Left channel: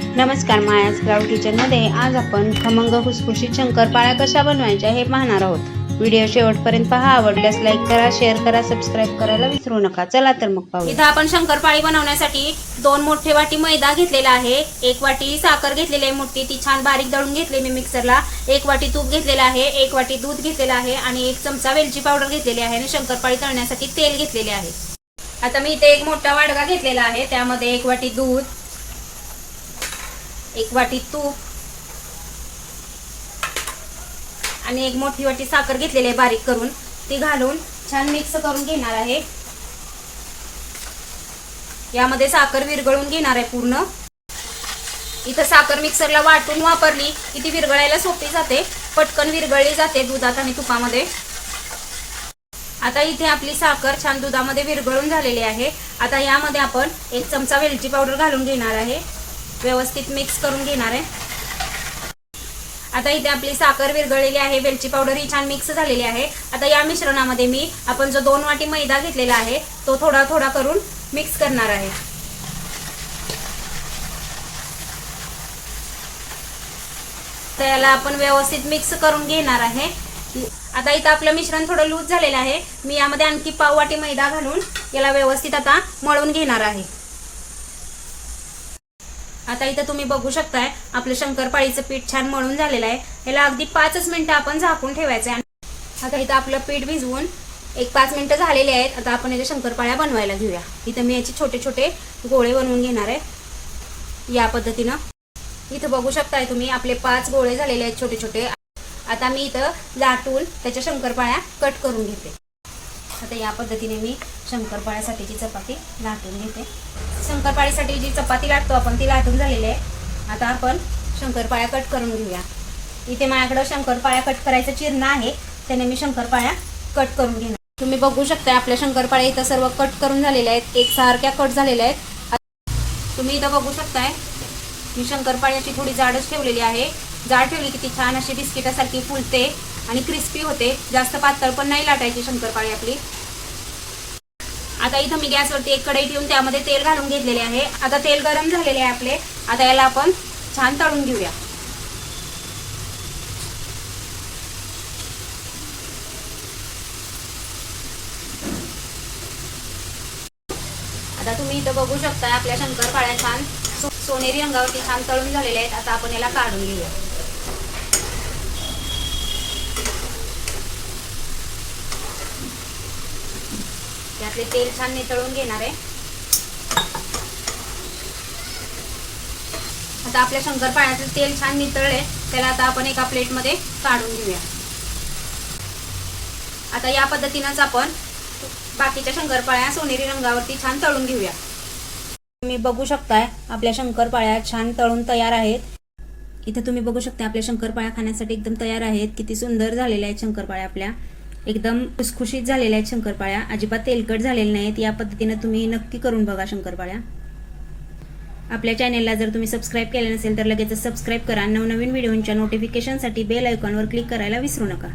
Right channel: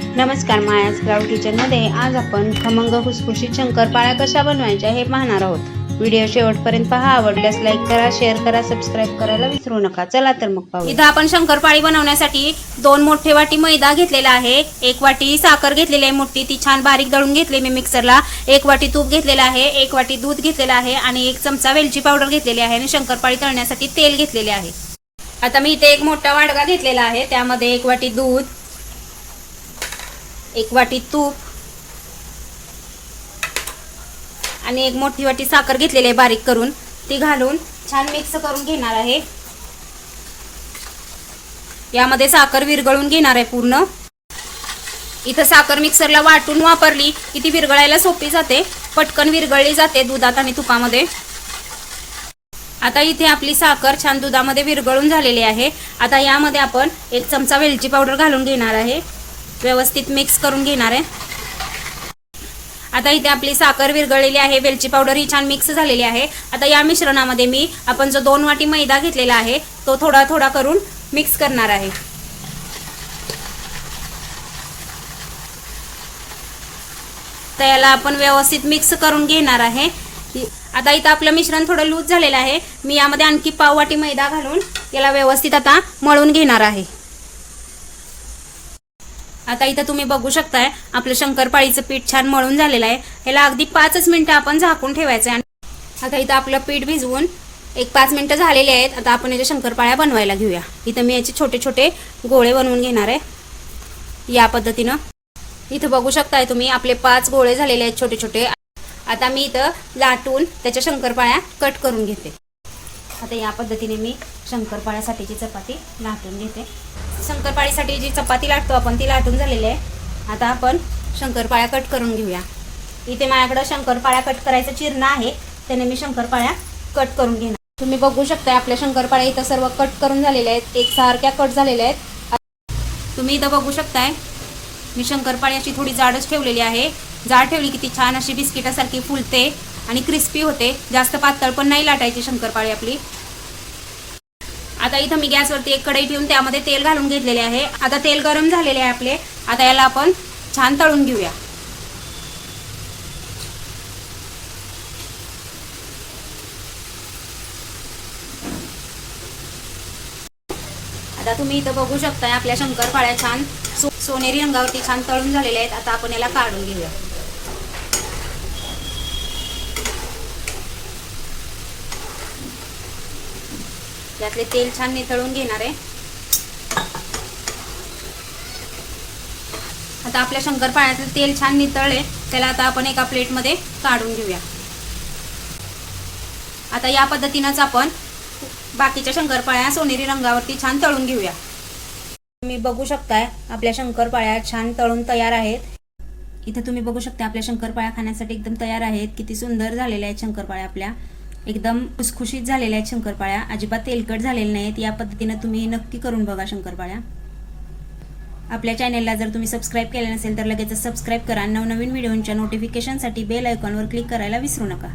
नमस्कार मायाज क्राऊड किचनमध्ये आज आपण खमंग खुसखुशीत शंकरपाळ्या कशा बनवायच्या हे पाहणार आहोत. व्हिडिओ शेवटपर्यंत पहा आवडल्यास लाईक करा शेअर करा सबस्क्राईब करायला विसरू नका. चला तर मग पाहू इथं आपण शंकरपाळी बनवण्यासाठी दोन मोठे वाटी मैदा घेतलेला आहे. एक वाटी साखर घेतलेली आहे मोठी ती छान बारीक दळून घेतली मी मिक्सरला एक वाटी तूप घेतलेलं आहे एक वाटी दूध घेतलेलं आहे आणि एक चमचा वेलची पावडर घेतलेली आहे आणि शंकरपाळी तळण्यासाठी तेल घेतलेले आहे. आता मी इथे एक मोठा वाडगा घेतलेला आहे त्यामध्ये एक वाटी दूध एक वाटी तूप. आणि एक मोठी वाटी साखर घेतलेली आहे बारीक करून. ती घालून छान मिक्स करून घेणार आहे. यामध्ये साखर विरघळून घेणार आहे पूर्ण. इथं साखर मिक्सरला वाटून वापरली की ती विरघळायला सोपी जाते. पटकन विरघळली जाते दुधात आणि तुपामध्ये. आता इथे आपली साखर छान दुधामध्ये विरघळून झालेली आहे. आता यामध्ये आपण एक चमचा वेलची पावडर घालून घेणार आहे. व्यवस्थित मिक्स करून घेणार आहे. आता इथे आपली साखर विरघळलेली आहे वेलची पावडर ही छान मिक्स झालेली आहे. आता या मिश्रणामध्ये मी आपण जो दोन वाटी मैदा घेतलेला आहे तो थोडा थोडा करून मिक्स करणार आहे. तर याला आपण व्यवस्थित मिक्स करून घेणार आहे. आता इथं आपलं मिश्रण थोडं लूज झालेलं आहे. मी यामध्ये आणखी पाव वाटी मैदा घालून याला व्यवस्थित आता मळून घेणार आहे. आता इथं तुम्ही बघू शकताय आपलं शंकरपाळीचं पीठ छान मळून झालेलं आहे. याला अगदी पाचच मिनिटं आपण झाकून ठेवायचं आहे आता इथं आपलं पीठ भिजवून एक पाच मिनिटं झालेले आहेत. आता आपण याच्या शंकरपाळ्या बनवायला घेऊया. इथं मी याचे छोटे छोटे गोळे बनवून घेणार आहे. या पद्धतीनं. इथं बघू शकताय तुम्ही आपले पाच गोळे झालेले आहेत छोटे छोटे. आता मी इथं लाटून त्याच्या शंकरपाळ्या कट करून घेते. आता या पद्धतीने मी शंकरपाळ्यासाठीची चपाती लाटून घेते. शंकरपाळीसाठी जी चपाती लाटतो आपण ती लाटून झालेली आहे. आता आपण शंकरपाळ्या कट करून घेऊया. इथे माझ्याकडं शंकरपाळ्या कट करायचं चिरणं आहे. त्याने मी शंकरपाळ्या कट करून घेणार. तुम्ही बघू शकता आपल्या शंकरपाळ्या इथं सर्व कट करून झालेल्या आहेत. एक सारख्या कट झालेल्या आहेत. तुम्ही इथं बघू शकताय मी शंकरपाळ्याची थोडी जाडच ठेवलेली आहे. जाड ठेवली की ती छान अशी बिस्किटासारखी फुलते आणि क्रिस्पी होते. जास्त पातळ पण नाही लाटायची शंकरपाळी आपली. आता इथं मी गॅसवरती एक कढई ठेवून त्यामध्ये तेल घालून घेतलेले आहे. आता तेल गरम झालेले आहे आपले. आता याला आपण छान तळून घेऊया. आता तुम्ही इथं बघू शकताय आपल्या शंकरपाळ्या छान सोनेरी रंगावरती छान तळून झालेले आहेत. आता आपण याला काढून घेऊया. त्यातले तेल छान नितळून घेणार आहे. आता आपल्या शंकरपाळ्यातलं तेल छान नितळले त्याला आता आपण एका प्लेटमध्ये काढून घेऊया. आता या पद्धतीनंच आपण बाकीच्या शंकरपाळ्या सोनेरी रंगावरती छान तळून घेऊया. तुम्ही बघू शकताय आपल्या शंकरपाळ्या छान तळून तयार आहेत. इथे तुम्ही बघू शकता आपल्या शंकरपाळ्या खाण्यासाठी एकदम तयार आहेत. किती सुंदर झालेल्या आहेत शंकरपाळ्या आपल्या. एकदम खुसखुशीत झालेल्या आहेत शंकरपाळ्या. अजिबात तेलकट झालेल्या नाहीत. या पद्धतीनं तुम्ही नक्की करून बघा शंकरपाळ्या. आपल्या चॅनेलला जर तुम्ही सबस्क्राईब केलं नसेल तर लगेच सबस्क्राईब करा. नवनवीन व्हिडिओंच्या नोटिफिकेशनसाठी बेल आयकॉनवर क्लिक करायला विसरू नका.